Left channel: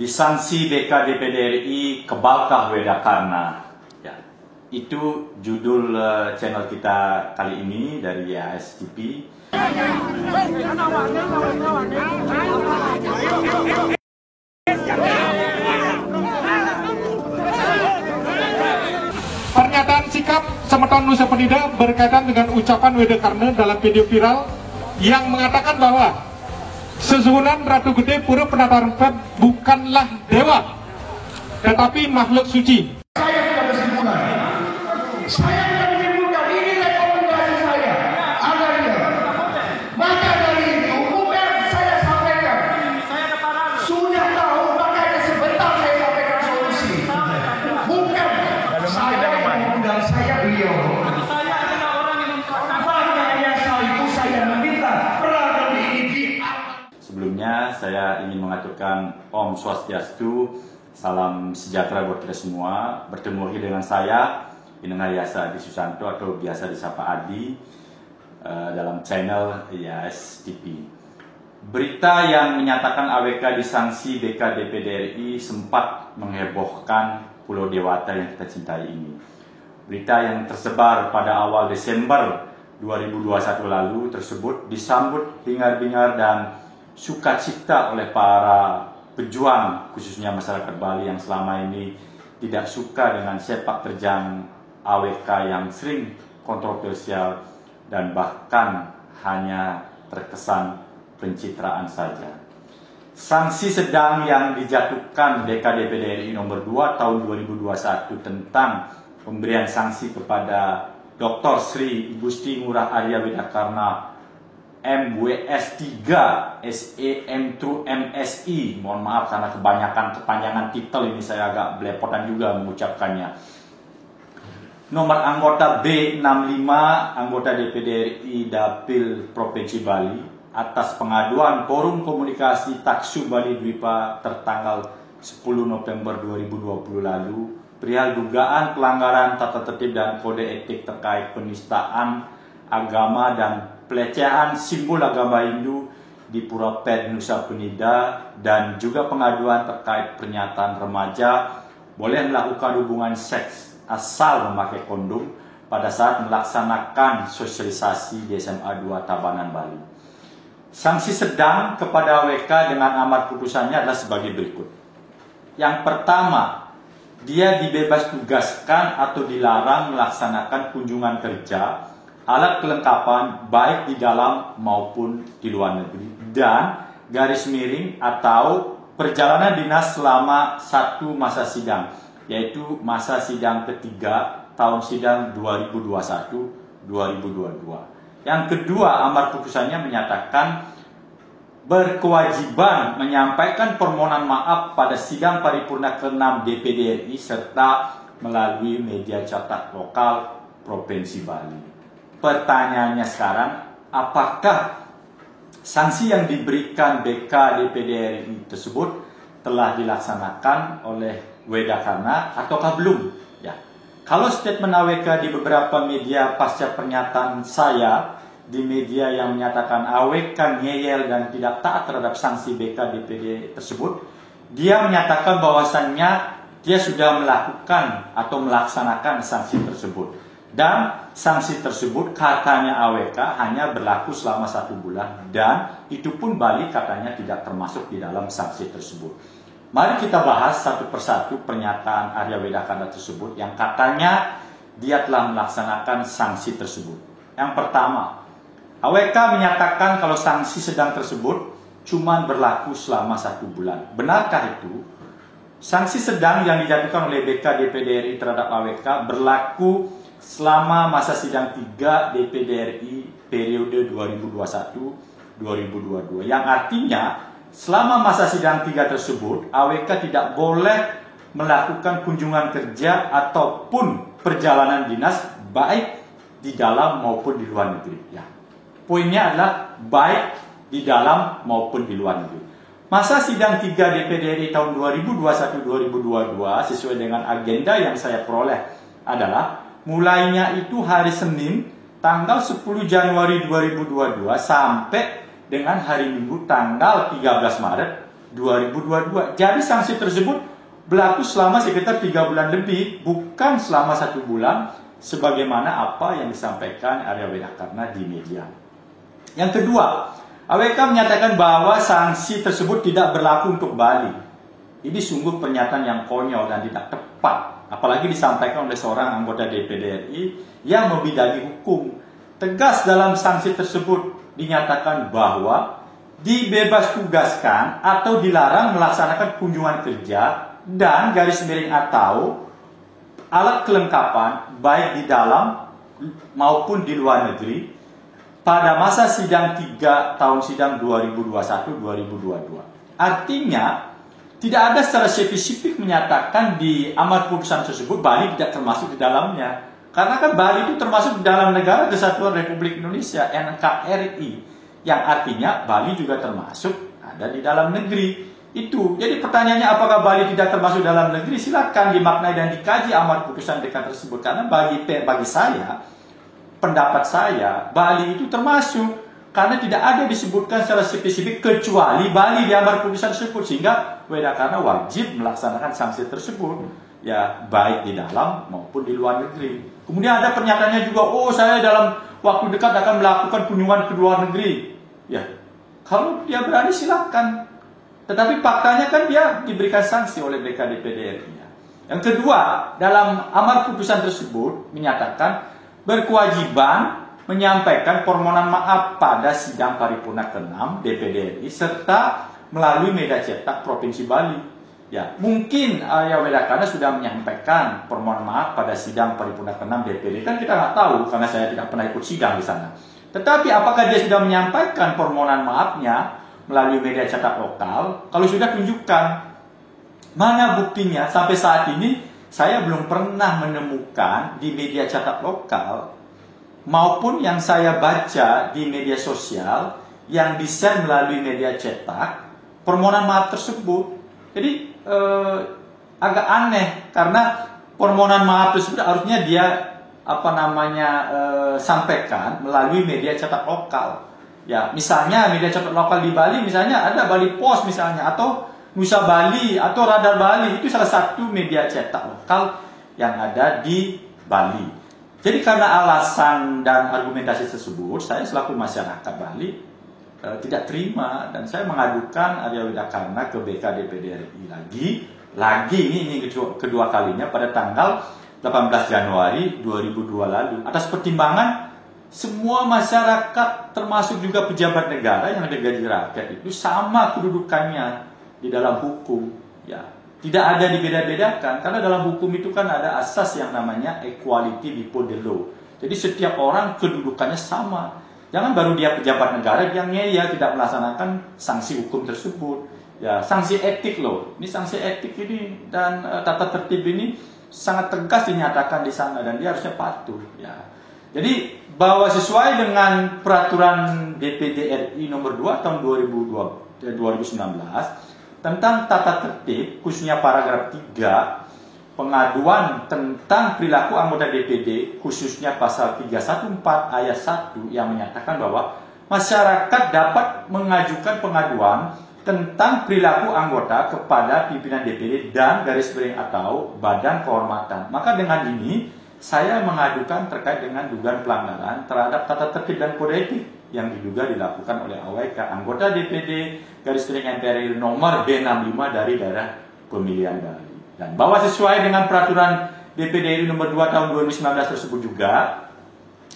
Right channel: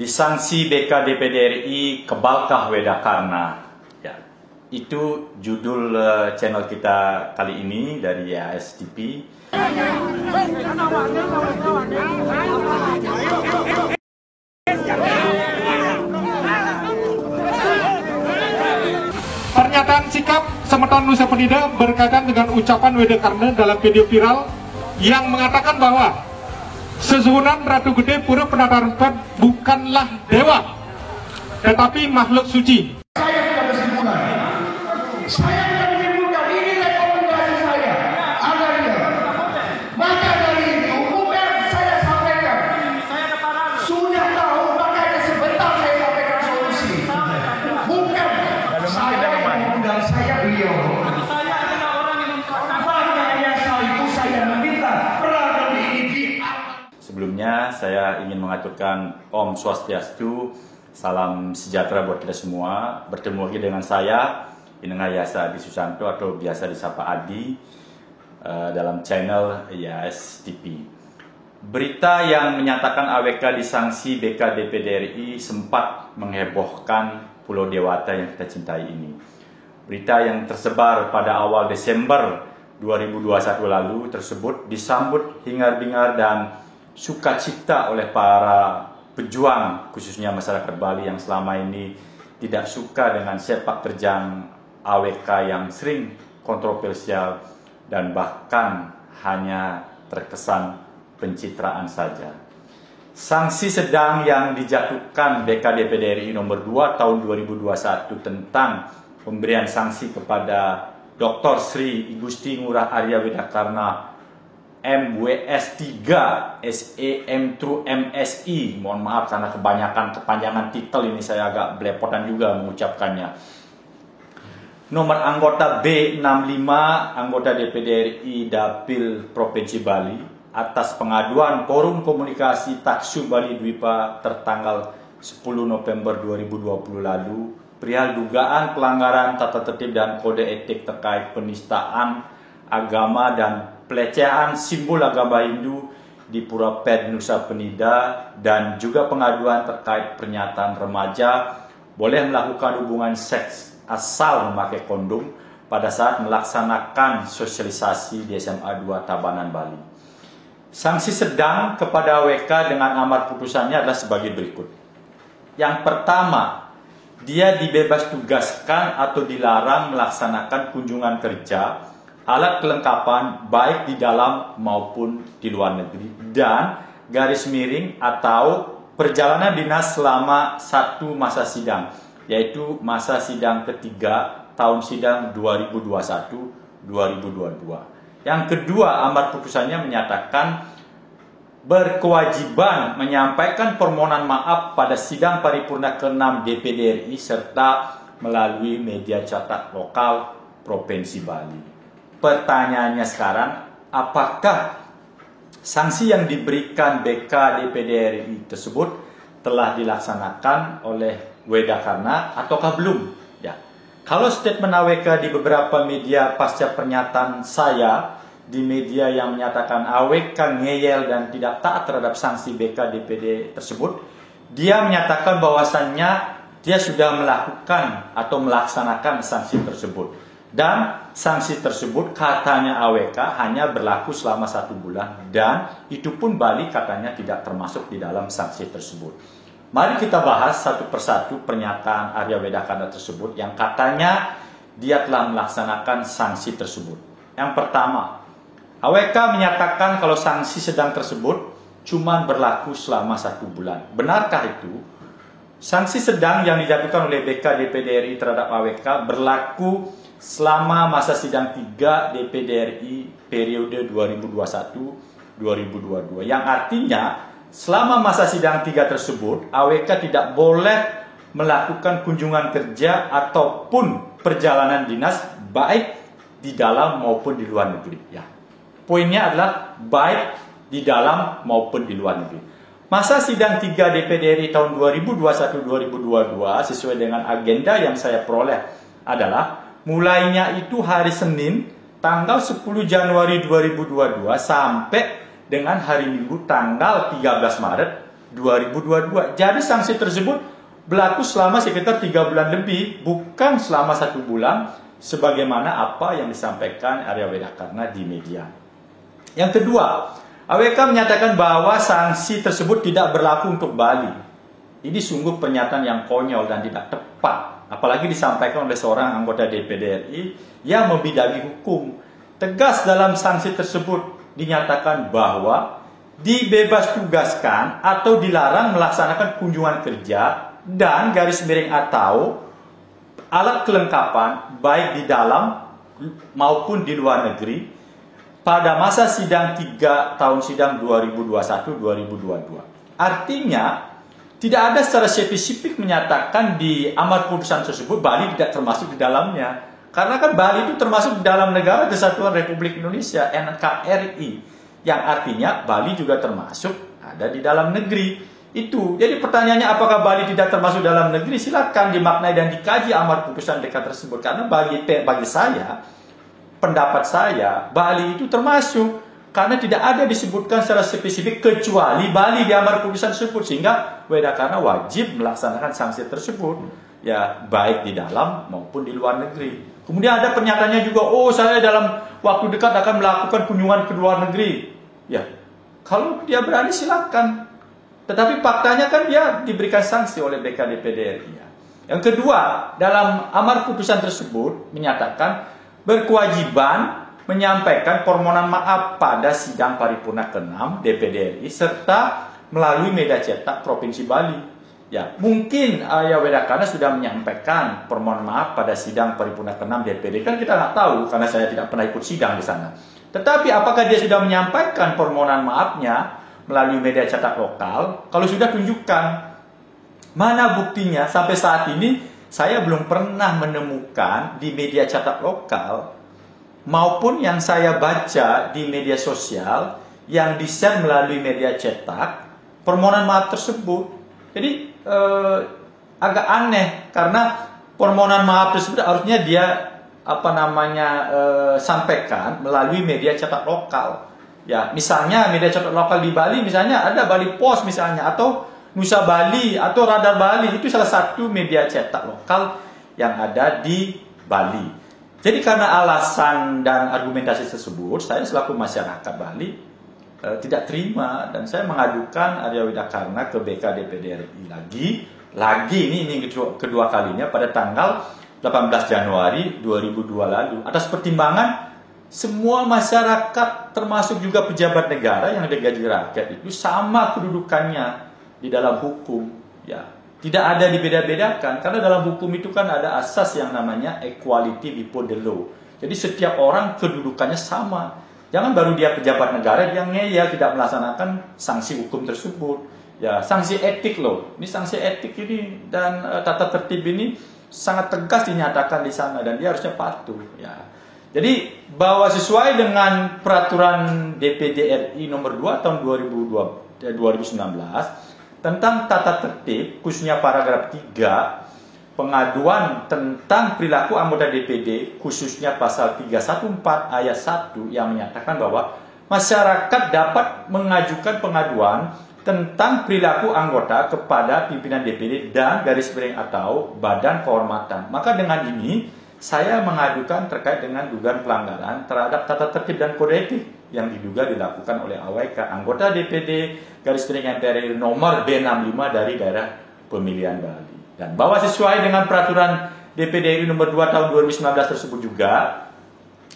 Disanksi BK DPD RI kebalkah Wedakarna. Ya, itu judul channel kita kali ini dari ASTP. Pernyataan sikap Semeton Nusa Penida berkaitan dengan ucapan Wedakarna dalam video viral yang mengatakan bahwa Sesuhunan Ratu Gede Pura Penata Rempet bukanlah dewa, tetapi makhluk suci. Saya sudah bersimpulan. Saya sudah menyimpulkan, ini rekomendasi saya. Adanya. Maka dari itu, bukan saya sampaikan. Sudah tahu, makanya sebentar saya sampaikan solusi. Bukan saya yang mengundang, saya beliau. Makanya itu saya meminta peraturan ini Sebelumnya saya ingin mengaturkan Om Swastiastu, salam sejahtera buat kita semua. Bertemu lagi dengan saya, Inengah Yasa Adi Susanto atau biasa disapa Adi, dalam channel ASTP. Berita yang menyatakan AWK disanksi BK DPD RI sempat menghebohkan Pulau Dewata yang kita cintai ini. Berita yang tersebar pada awal Desember 2021 lalu tersebut disambut hingar-bingar dan sukacita oleh para pejuang, khususnya masyarakat Bali yang selama ini tidak suka dengan sepak terjang AWK yang sering kontroversial dan bahkan hanya terkesan pencitraan saja. Sanksi sedang yang dijatuhkan BK DPD RI nomor 2 tahun 2021 tentang pemberian sanksi kepada Dr. Sri Igusti Ngurah Arya Wedakarna MWS 3 SEM to MSI. Mohon maaf karena kepanjangan titel ini, saya agak belepotan juga mengucapkannya. Nomor anggota B65, anggota DPD RI Dapil Provinsi Bali, atas pengaduan Forum Komunikasi Taksu Bali Dwipa tertanggal 10 November 2020 lalu perihal dugaan pelanggaran tata tertib dan kode etik terkait penistaan agama dan pelecehan simbol agama Hindu di Pura Ped Nusa Penida, dan juga pengaduan terkait pernyataan remaja boleh melakukan hubungan seks asal memakai kondom pada saat melaksanakan sosialisasi di SMA 2 Tabanan, Bali. Sanksi sedang kepada WK dengan amar putusannya adalah sebagai berikut. Yang pertama, dia dibebas tugaskan atau dilarang melaksanakan kunjungan kerja, alat kelengkapan baik di dalam maupun di luar negeri, dan garis miring atau perjalanan dinas selama satu masa sidang, yaitu masa sidang ketiga tahun sidang 2021-2022. Yang kedua, amar putusannya menyatakan berkewajiban menyampaikan permohonan maaf pada sidang paripurna ke-6 DPD RI serta melalui media cetak lokal Provinsi Bali. Pertanyaannya sekarang, apakah sanksi yang diberikan BK DPD RI tersebut telah dilaksanakan oleh Wedakarna ataukah belum? Ya. Kalau statement AWK di beberapa media pasca pernyataan saya di media yang menyatakan AWK ngeyel dan tidak taat terhadap sanksi BK DPD tersebut, dia menyatakan bahwasannya dia sudah melakukan atau melaksanakan sanksi tersebut. Dan sanksi tersebut katanya AWK hanya berlaku selama 1 bulan, dan itu pun Bali katanya tidak termasuk di dalam sanksi tersebut. Mari kita bahas satu persatu pernyataan Arya Wedakarna tersebut yang katanya dia telah melaksanakan sanksi tersebut. Yang pertama, AWK menyatakan kalau sanksi sedang tersebut cuma berlaku selama 1 bulan. Benarkah itu? Sanksi sedang yang dijatuhkan oleh BK DPD RI terhadap AWK berlaku selama masa sidang 3 DPD RI periode 2021-2022. Yang artinya selama masa sidang 3 tersebut AWK tidak boleh melakukan kunjungan kerja ataupun perjalanan dinas baik di dalam maupun di luar negeri. Ya. Poinnya adalah baik di dalam maupun di luar negeri. Masa sidang 3 DPD RI tahun 2021-2022 sesuai dengan agenda yang saya peroleh adalah mulainya itu hari Senin tanggal 10 Januari 2022 sampai dengan hari Minggu tanggal 13 Maret 2022. Jadi sanksi tersebut berlaku selama sekitar 3 bulan lebih, bukan selama 1 bulan, sebagaimana apa yang disampaikan Arya Widakarna di media. Yang kedua, AWK menyatakan bahwa sanksi tersebut tidak berlaku untuk Bali. Ini sungguh pernyataan yang konyol dan tidak tepat, apalagi disampaikan oleh seorang anggota DPD RI yang membidangi hukum. Tegas dalam sanksi tersebut dinyatakan bahwa dibebas tugaskan atau dilarang melaksanakan kunjungan kerja dan garis miring atau alat kelengkapan baik di dalam maupun di luar negeri pada masa sidang 3 tahun sidang 2021-2022. Artinya, tidak ada secara spesifik menyatakan di amar putusan tersebut Bali tidak termasuk di dalamnya. Karena kan Bali itu termasuk di dalam Negara Kesatuan Republik Indonesia, NKRI. Yang artinya Bali juga termasuk ada di dalam negeri. Itu. Jadi pertanyaannya apakah Bali tidak termasuk dalam negeri? Silakan dimaknai dan dikaji amar putusan DK tersebut. Karena bagi saya, pendapat saya, Bali itu termasuk. Karena tidak ada disebutkan secara spesifik kecuali Bali di amar putusan tersebut, sehingga Widakarna wajib melaksanakan sanksi tersebut, ya baik di dalam maupun di luar negeri. Kemudian ada pernyataannya juga, oh saya dalam waktu dekat akan melakukan kunjungan ke luar negeri. Ya, kalau dia berani silakan. Tetapi faktanya kan dia diberikan sanksi oleh BK-DPD RI. Yang kedua, dalam amar putusan tersebut menyatakan berkewajiban menyampaikan permohonan maaf pada sidang paripurna ke-6 DPD RI serta melalui media cetak Provinsi Bali. Ya, mungkin Arya Widakarna sudah menyampaikan permohonan maaf pada sidang paripurna ke-6 DPD, kan kita nggak tahu karena saya tidak pernah ikut sidang di sana. Tetapi apakah dia sudah menyampaikan permohonan maafnya melalui media cetak lokal? Kalau sudah, tunjukkan. Mana buktinya? Sampai saat ini saya belum pernah menemukan di media cetak lokal maupun yang saya baca di media sosial yang di-share melalui media cetak permohonan maaf tersebut. Jadi agak aneh karena permohonan maaf tersebut harusnya dia sampaikan melalui media cetak lokal. Ya, misalnya media cetak lokal di Bali, misalnya ada Bali Post misalnya, atau Nusa Bali atau Radar Bali, itu salah satu media cetak lokal yang ada di Bali. Jadi karena alasan dan argumentasi tersebut, saya selaku masyarakat Bali tidak terima dan saya mengadukan Arya Widakarna ke BK-DPD RI lagi ini kedua kalinya pada tanggal 18 Januari 2002 lalu atas pertimbangan semua masyarakat termasuk juga pejabat negara yang digaji rakyat itu sama kedudukannya di dalam hukum, ya. Tidak ada dibeda-bedakan, karena dalam hukum itu kan ada asas yang namanya equality before the law. Jadi setiap orang kedudukannya sama. Jangan baru dia pejabat negara dia ngeyel tidak melaksanakan sanksi hukum tersebut. Ya, sanksi etik loh. Ini sanksi etik ini dan tata tertib ini sangat tegas dinyatakan di sana dan dia harusnya patuh. Ya. Jadi bahwa sesuai dengan peraturan DPD RI nomor 2 tahun 2019 tentang tata tertib, khususnya paragraf 3, pengaduan tentang perilaku anggota DPD, khususnya pasal 314 ayat 1 yang menyatakan bahwa masyarakat dapat mengajukan pengaduan tentang perilaku anggota kepada pimpinan DPD dan garis miring atau badan kehormatan. Maka dengan ini, saya mengadukan terkait dengan dugaan pelanggaran terhadap tata tertib dan kode etik yang diduga dilakukan oleh AWK anggota DPD garis miring MPR nomor B65 dari daerah pemilihan Bali. Dan bahwa sesuai dengan peraturan DPD RI nomor 2 tahun 2019 tersebut juga,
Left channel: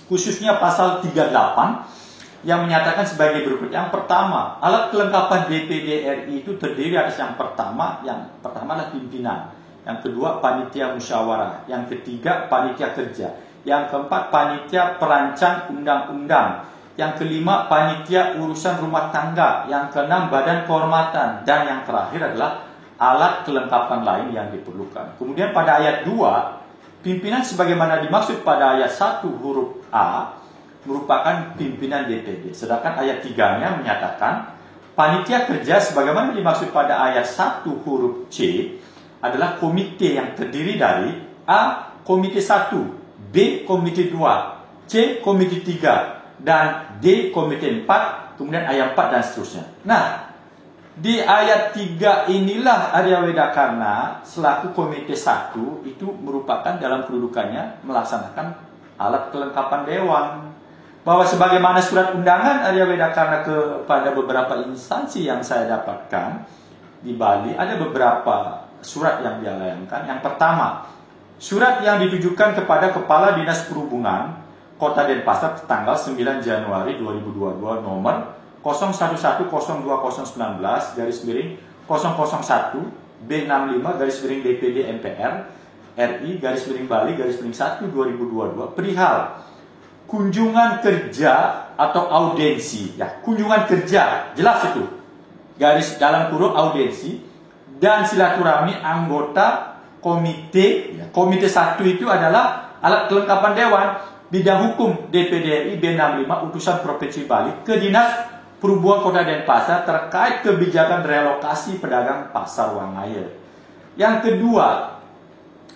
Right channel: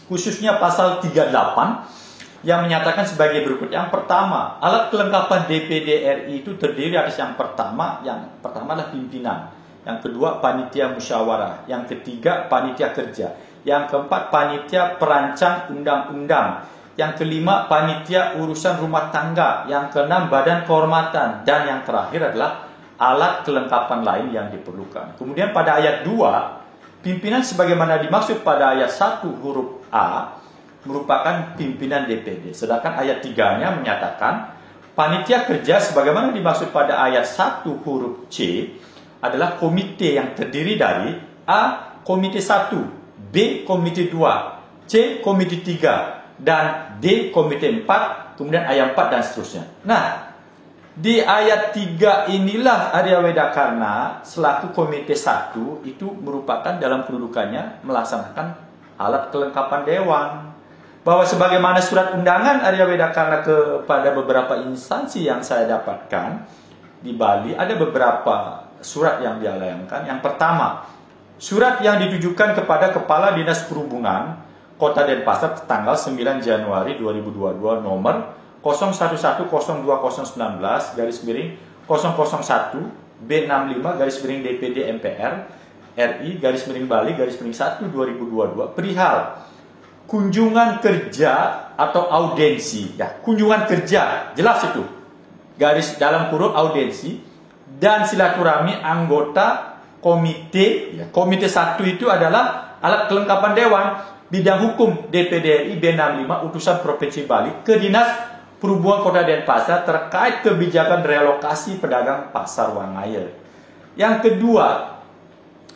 khususnya pasal 38 yang menyatakan sebagai berikut. Yang pertama, alat kelengkapan DPD RI itu terdiri atas yang pertama adalah pimpinan, yang kedua panitia musyawarah, yang ketiga panitia kerja, yang keempat panitia perancang undang-undang, yang kelima panitia urusan rumah tangga, yang keenam badan kehormatan, dan yang terakhir adalah alat kelengkapan lain yang diperlukan. Kemudian pada ayat 2, pimpinan sebagaimana dimaksud pada ayat 1 huruf A merupakan pimpinan DPD. Sedangkan ayat 3-nya menyatakan panitia kerja sebagaimana dimaksud pada ayat 1 huruf C adalah komite yang terdiri dari A. Komite 1, B. Komite 2, C. Komite 3, dan D. Komite 4, kemudian ayat 4 dan seterusnya. Nah, Di ayat 3 inilah Arya Wedakarna selaku Komite 1 itu merupakan dalam kedudukannya melaksanakan alat kelengkapan dewan. Bahwa sebagaimana surat undangan Arya Wedakarna kepada beberapa instansi yang saya dapatkan di Bali, ada beberapa surat yang dia layangkan. Yang pertama, surat yang ditujukan kepada Kepala Dinas Perhubungan Kota Denpasar tanggal 9 Januari 2022 nomor 01102019 garis miring 001 B65 garis miring DPD MPR RI garis miring Bali garis miring 1 2022 perihal kunjungan kerja atau audiensi, ya, kunjungan kerja, jelas itu, garis dalam kurung audiensi dan silaturahmi anggota komite, ya, komite 1 itu adalah alat kelengkapan dewan bidang hukum DPD RI B65 utusan Provinsi Bali ke Dinas Perhubungan Kota Denpasar terkait kebijakan relokasi pedagang pasar Wangaya. Yang kedua,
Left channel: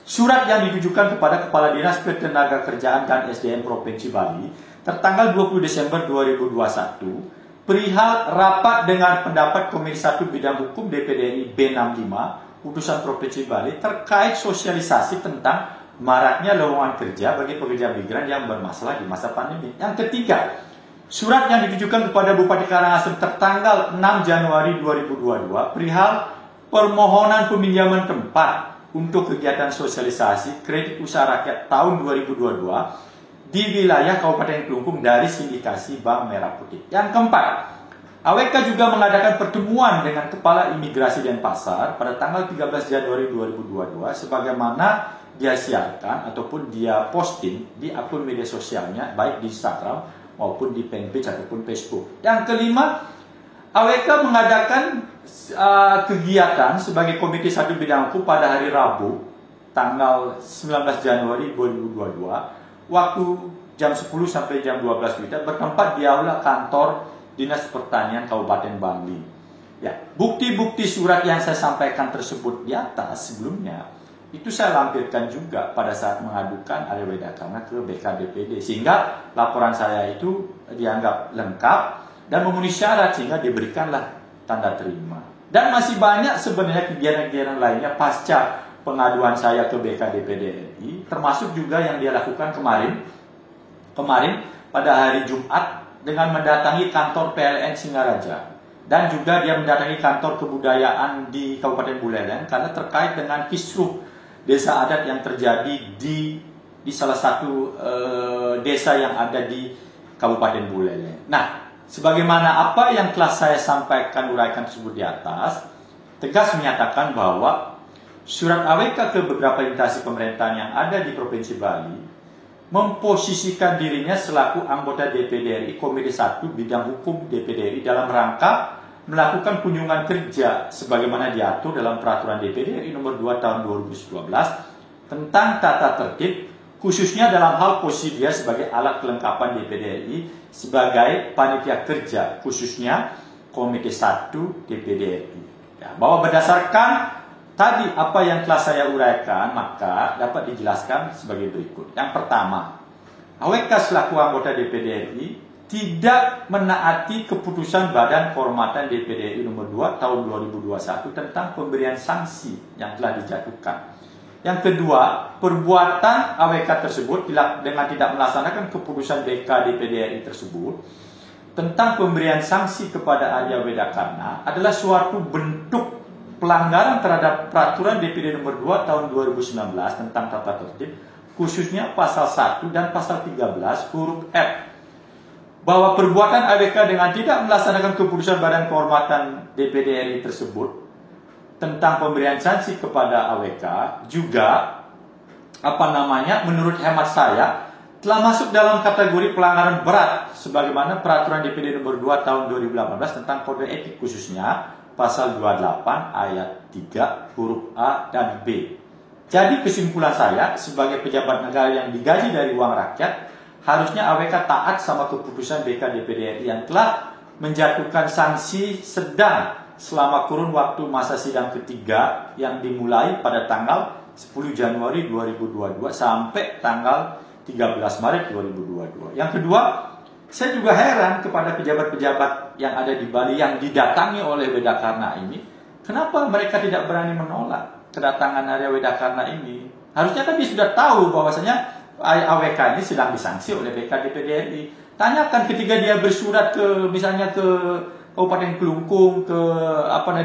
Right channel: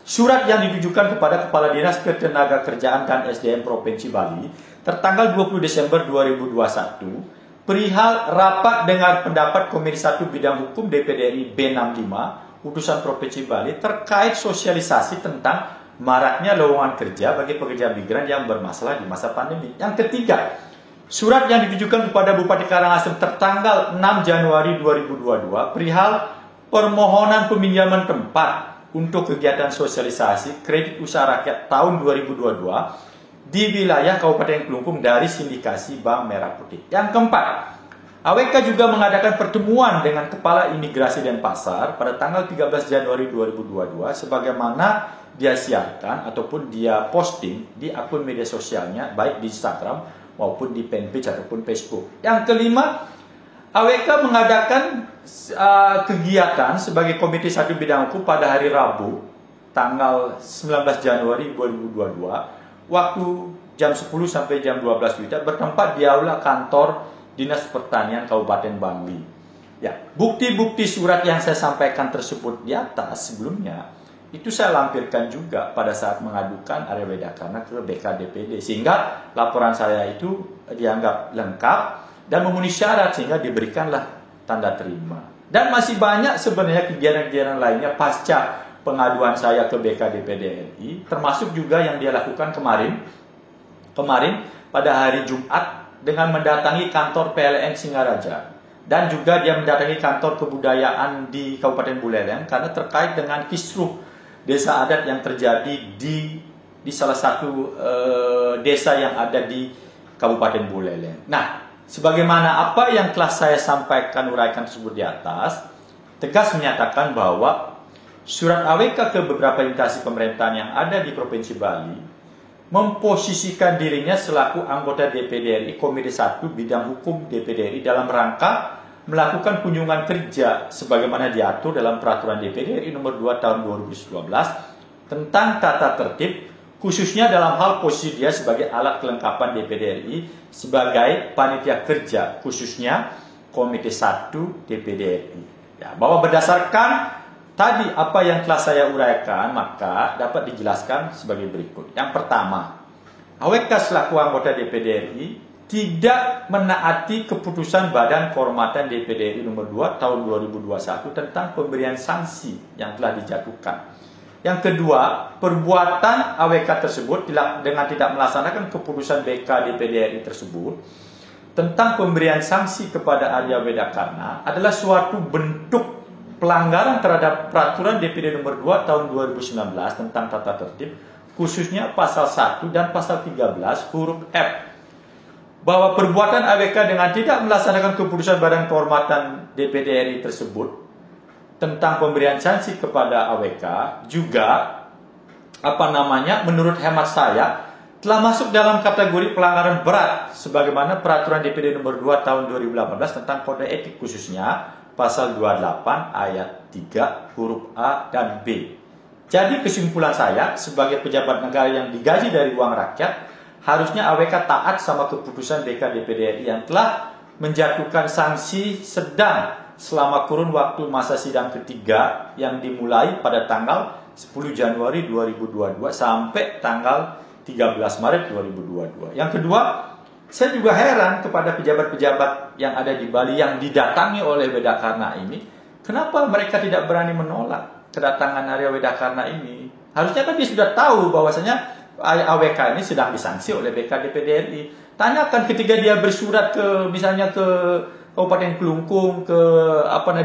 surat yang ditujukan kepada Kepala Dinas Ketenagakerjaan dan SDM Provinsi Bali tertanggal 20 Desember 2021 perihal rapat dengar pendapat Komisi 1 Bidang Hukum DPD RI B65 utusan Provinsi Bali terkait sosialisasi tentang maraknya lowongan kerja bagi pekerja migran yang bermasalah di masa pandemi. Yang ketiga, surat yang ditujukan kepada Bupati Karangasem tertanggal 6 Januari 2022 perihal permohonan peminjaman tempat untuk kegiatan sosialisasi kredit usaha rakyat tahun 2022 di wilayah Kabupaten Kelungkung dari sindikasi Bank Merah Putih. Yang keempat, AWK juga mengadakan pertemuan dengan Kepala Imigrasi Denpasar pada tanggal 13 Januari 2022 sebagaimana dia siarkan ataupun dia posting di akun media sosialnya baik di Instagram maupun di fanpage ataupun Facebook. Yang kelima, AWK mengadakan kegiatan sebagai Komite 1 Bidang Hukum pada hari Rabu, tanggal 19 Januari 2022, waktu jam 10 sampai jam 12 WITA bertempat di aula kantor Dinas Pertanian Kabupaten Bangli. Ya, bukti-bukti surat yang saya sampaikan tersebut di atas sebelumnya itu saya lampirkan juga pada saat mengadukan Arya Wedakarna ke BKDPD sehingga laporan saya itu dianggap lengkap dan memenuhi syarat sehingga diberikanlah tanda terima. Dan masih banyak sebenarnya kegiatan-kegiatan lainnya pasca pengaduan saya ke BKDPD RI, termasuk juga yang dia lakukan kemarin pada hari Jumat dengan mendatangi kantor PLN Singaraja dan juga dia mendatangi kantor kebudayaan di Kabupaten Buleleng karena terkait dengan kisruh desa adat yang terjadi di salah satu desa yang ada di Kabupaten Buleleng. Nah, sebagaimana apa yang telah saya sampaikan uraikan tersebut di atas, tegas menyatakan bahwa surat AWK ke beberapa instansi pemerintahan yang ada di Provinsi Bali memposisikan dirinya selaku anggota DPD RI Komite 1 Bidang Hukum DPD RI dalam rangka melakukan kunjungan kerja sebagaimana diatur dalam Peraturan DPD RI Nomor 2 Tahun 2019 tentang tata tertib khususnya dalam hal posisi dia sebagai alat kelengkapan DPD RI sebagai panitia kerja khususnya Komite 1 DPD RI. Ya, bahwa berdasarkan tadi apa yang telah saya uraikan maka dapat dijelaskan sebagai berikut. Yang pertama, AWK selaku anggota DPD RI tidak menaati keputusan Badan Kehormatan DPD RI Nomor 2 Tahun 2021 tentang pemberian sanksi yang telah dijatuhkan. Yang kedua, perbuatan AWK tersebut dengan tidak melaksanakan keputusan BK DPD RI tersebut tentang pemberian sanksi kepada Arya Wedakarna adalah suatu bentuk pelanggaran terhadap Peraturan DPD Nomor 2 Tahun 2019 tentang tata tertib khususnya pasal 1 dan pasal 13 huruf F. Bahwa perbuatan AWK dengan tidak melaksanakan keputusan Badan Kehormatan DPD RI tersebut tentang pemberian sanksi kepada AWK juga menurut hemat saya telah masuk dalam kategori pelanggaran berat sebagaimana Peraturan DPD Nomor 2 Tahun 2018 tentang kode etik khususnya pasal 28 ayat 3 huruf A dan B. Jadi kesimpulan saya sebagai pejabat negara yang digaji dari uang rakyat, harusnya AWK taat sama keputusan BK DPD RI yang telah menjatuhkan sanksi sedang selama kurun waktu masa sidang ketiga yang dimulai pada tanggal 10 Januari 2022 sampai tanggal 13 Maret 2022. Yang kedua, saya juga heran kepada pejabat-pejabat yang ada di Bali yang didatangi oleh Wedakarna ini, kenapa mereka tidak berani menolak kedatangan Arya Wedakarna ini? Harusnya kan dia sudah tahu bahwasanya AWK ini sedang disanksi oleh BK DPD RI. Tanyakan ketika dia bersurat ke misalnya ke Kabupaten Kelungkung, ke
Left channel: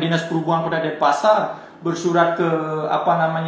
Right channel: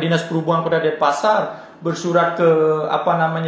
Dinas Perhubungan Kota Denpasar, bersurat ke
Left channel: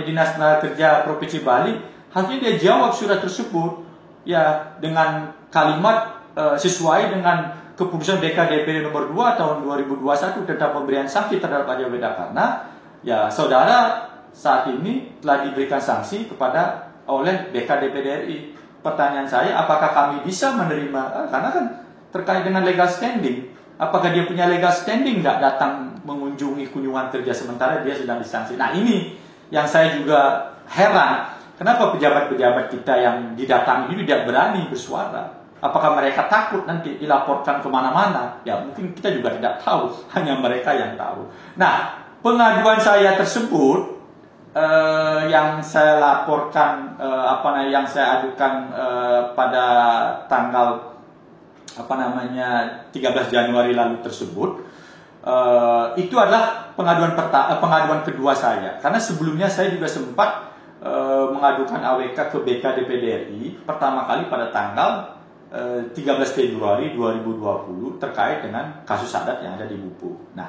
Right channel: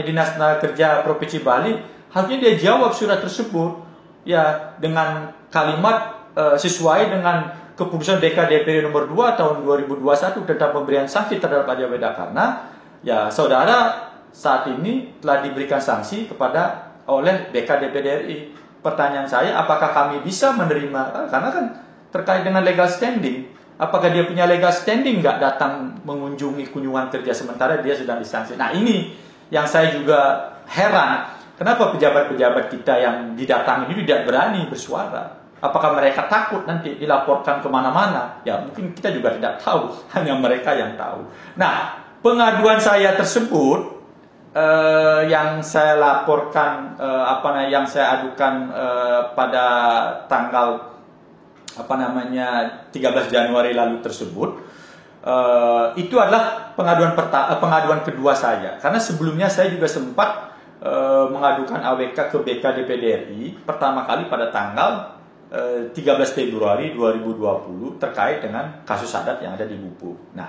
Dinas Tenaga Kerja Provinsi Bali, harusnya dia jawab surat tersebut ya dengan kalimat sesuai dengan keputusan BK DPD nomor 2 tahun 2021 tentang pemberian sanksi terhadap Arya Wedakarna. Ya, saudara saat ini telah diberikan sanksi kepada oleh BK DPD RI. Pertanyaan saya, apakah kami bisa menerima? Karena kan terkait dengan legal standing. Apakah dia punya legal standing nggak datang mengunjungi kunjungan kerja sementara dia sedang disanksi? Nah, ini yang saya juga heran. Kenapa pejabat-pejabat kita yang didatangi ini tidak berani bersuara? Apakah mereka takut nanti dilaporkan kemana-mana? Ya, mungkin kita juga tidak tahu. Hanya mereka yang tahu. Nah, pengaduan saya tersebut yang saya laporkan yang saya adukan pada tanggal 13 Januari lalu tersebut itu adalah pengaduan kedua saya, karena sebelumnya saya juga sempat mengadukan AWK ke BK DPD RI pertama kali pada tanggal 13 Februari 2020 terkait dengan kasus adat yang ada di Bubuk. Nah,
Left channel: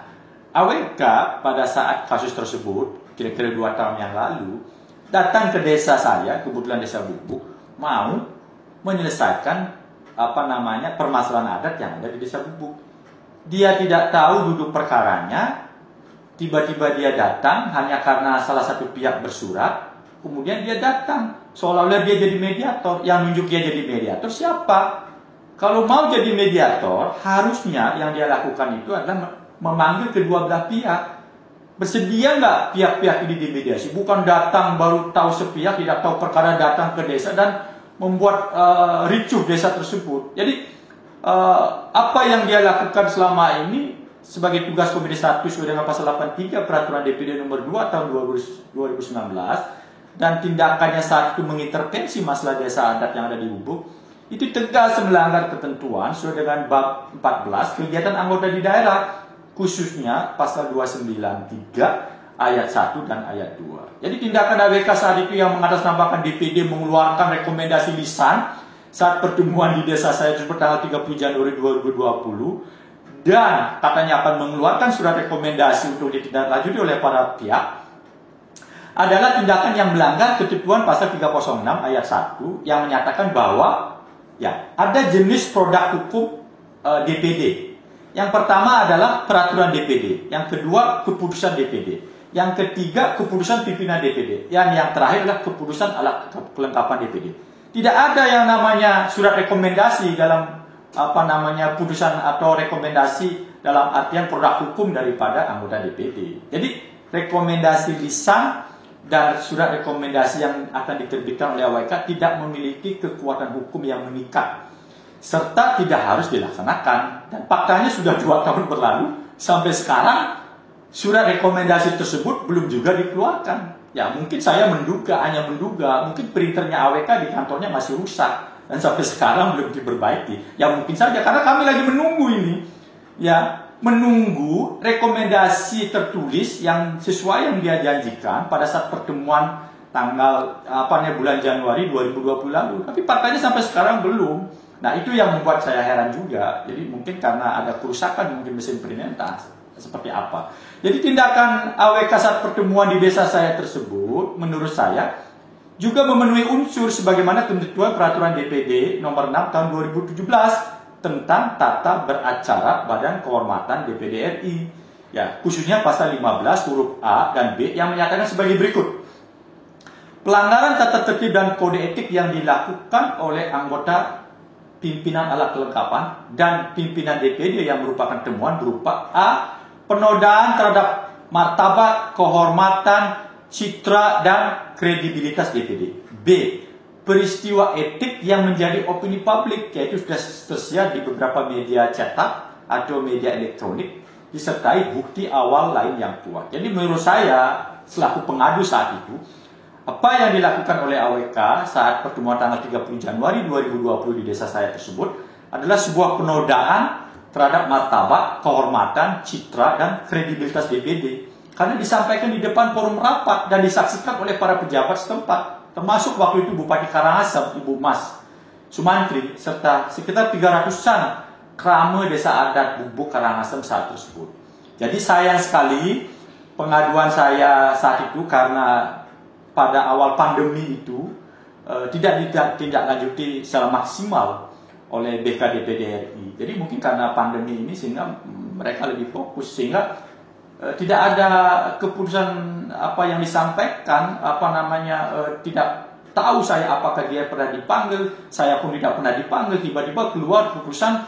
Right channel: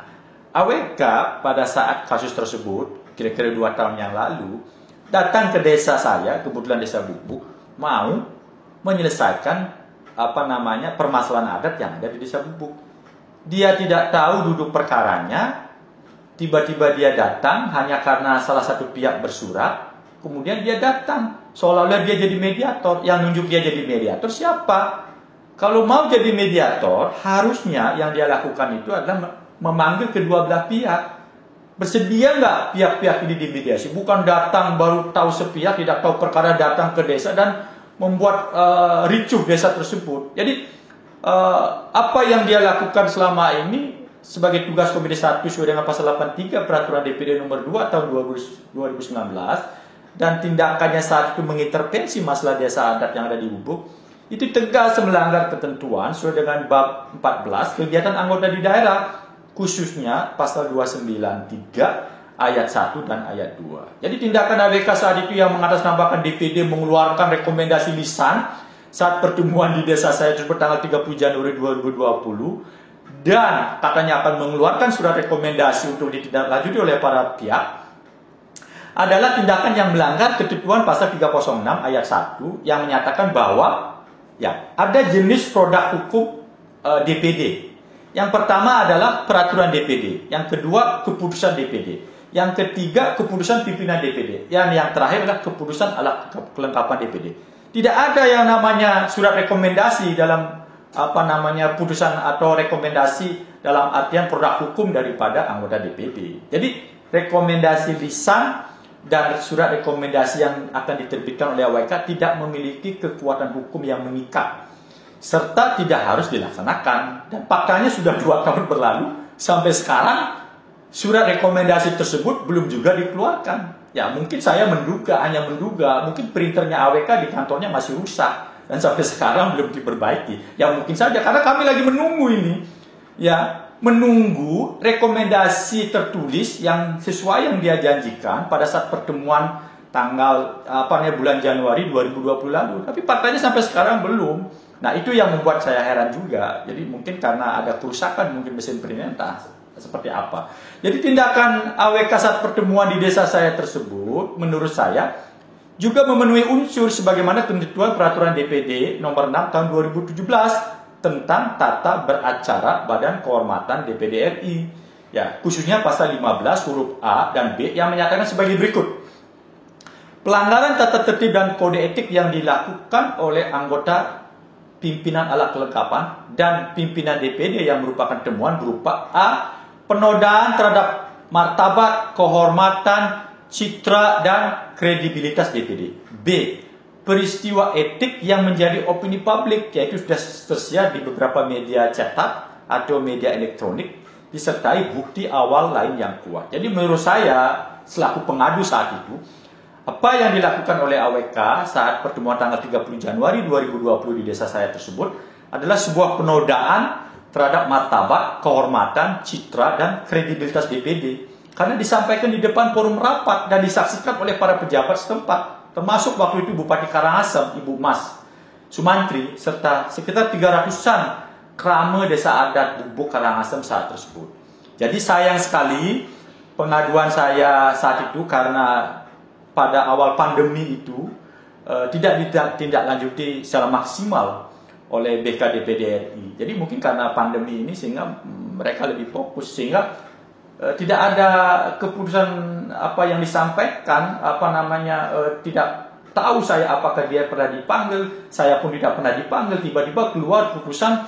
AWK pada saat kasus tersebut kira-kira 2 tahun yang lalu datang ke desa saya, kebetulan desa Bubuk, mau menyelesaikan permasalahan adat yang ada di desa Bubuk. Dia tidak tahu duduk perkaranya, tiba-tiba dia datang hanya karena salah satu pihak bersurat, kemudian dia datang seolah-olah dia jadi mediator. Yang nunjuk dia jadi mediator siapa? Kalau mau jadi mediator, harusnya yang dia lakukan itu adalah memanggil kedua belah pihak. Bersedia nggak pihak-pihak ini dimediasi? Bukan datang baru tahu sepihak, tidak tahu perkara, datang ke desa dan membuat ricuh desa tersebut. Jadi apa yang dia lakukan selama ini sebagai tugas Komisi 1 sesuai dengan pasal 83 Peraturan DPD nomor 2 tahun 2019 dan tindakannya saat itu mengintervensi masalah desa adat yang ada di Bubuk, itu tegas melanggar ketentuan sesuai dengan bab 14 kegiatan anggota di daerah, khususnya pasal 293 ayat 1 dan ayat 2. Jadi tindakan AWK saat itu yang mengatasnamakan DPD mengeluarkan rekomendasi lisan saat pertemuan di desa saya tersebut tanggal 30 Januari 2020 dan katanya akan mengeluarkan surat rekomendasi untuk ditindaklanjuti oleh para pihak adalah tindakan yang melanggar ketentuan pasal 306 ayat 1 yang menyatakan bahwa ya ada jenis produk hukum DPD. Yang pertama adalah peraturan DPD, yang kedua keputusan DPD, yang ketiga keputusan pimpinan DPD, yang terakhir adalah keputusan alat kelengkapan DPD. Tidak ada yang namanya surat rekomendasi dalam putusan atau rekomendasi dalam artian produk hukum daripada anggota DPD. Jadi rekomendasi lisan dan surat rekomendasi yang akan diterbitkan oleh AWK tidak memiliki kekuatan hukum yang mengikat serta tidak harus dilaksanakan. Dan faktanya sudah 2 tahun berlalu sampai sekarang surat rekomendasi tersebut belum juga dikeluarkan. Ya mungkin saya hanya menduga, mungkin printernya AWK di kantornya masih rusak dan sampai sekarang belum diperbaiki. Ya mungkin saja karena kami lagi menunggu ini, ya menunggu rekomendasi tertulis yang sesuai yang dia janjikan pada saat pertemuan tanggal bulan Januari 2020 lalu. Tapi faktanya sampai sekarang belum. Nah itu yang membuat saya heran juga. Jadi mungkin karena ada kerusakan mungkin mesin printer seperti apa. Jadi tindakan AWK saat pertemuan di desa saya tersebut menurut saya juga memenuhi unsur sebagaimana ketentuan peraturan DPD nomor 6 tahun 2017 tentang tata beracara Badan Kehormatan DPD RI. Ya, khususnya pasal 15 huruf A dan B yang menyatakan sebagai berikut. Pelanggaran tata tertib dan kode etik yang dilakukan oleh anggota pimpinan alat kelengkapan dan pimpinan DPD yang merupakan temuan berupa A. Penodaan terhadap martabat, kehormatan, citra, dan kredibilitas DPD. B. Peristiwa etik yang menjadi opini publik, yaitu sudah tersedia di beberapa media cetak atau media elektronik, disertai bukti awal lain yang kuat. Jadi menurut saya, selaku pengadu saat itu, apa yang dilakukan oleh AWK saat pertemuan tanggal 30 Januari 2020 di desa saya tersebut adalah sebuah penodaan terhadap martabat, kehormatan, citra, dan kredibilitas DPD. Karena disampaikan di depan forum rapat dan disaksikan oleh para pejabat setempat, termasuk waktu itu Bupati Karangasem, Ibu Mas Sumantri, serta sekitar 300-an krama desa adat Bubuk Karangasem saat tersebut. Jadi sayang sekali pengaduan saya saat itu karena pada awal pandemi itu tidak ditindaklanjuti secara maksimal oleh BK-DPD RI. Jadi mungkin karena pandemi ini sehingga mereka lebih fokus, sehingga tidak ada keputusan apa yang disampaikan, tidak tahu saya apakah dia pernah dipanggil, saya pun tidak pernah dipanggil, tiba-tiba keluar keputusan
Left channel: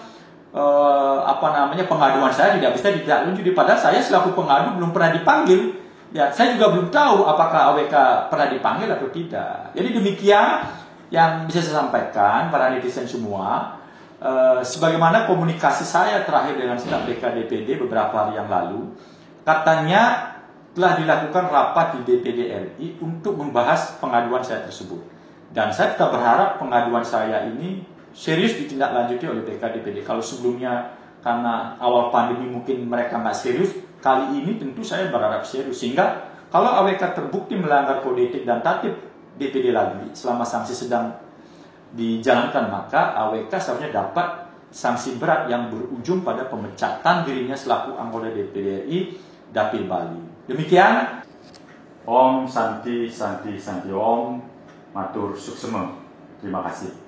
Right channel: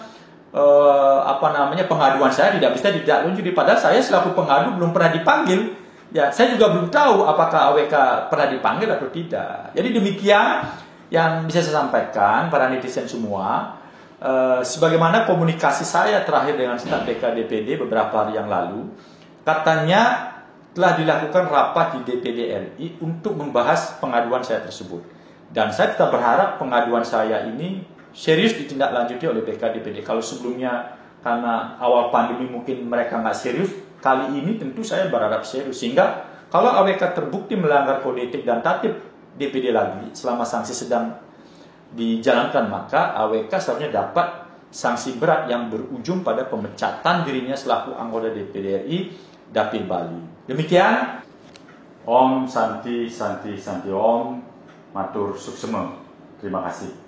pengaduan saya tidak bisa ditindaklanjuti, padahal saya selaku pengadu belum pernah dipanggil. Ya, saya juga belum tahu apakah AWK pernah dipanggil atau tidak. Jadi demikian yang bisa saya sampaikan para netizen semua. Sebagaimana komunikasi saya terakhir dengan staf BK-DPD beberapa hari yang lalu, katanya telah dilakukan rapat di DPD RI untuk membahas pengaduan saya tersebut. Dan saya tetap berharap pengaduan saya ini serius ditindaklanjuti oleh BK-DPD. Kalau sebelumnya karena awal pandemi mungkin mereka nggak serius, kali ini tentu saya berharap serius. Sehingga kalau AWK terbukti melanggar kode etik dan tatip DPD lagi selama sanksi sedang dijalankan, maka AWK seharusnya dapat sanksi berat yang berujung pada pemecatan dirinya selaku anggota DPD RI Dapil Bali. Demikian. Om Santi Santi Santi Om Matur Suksema. Terima kasih.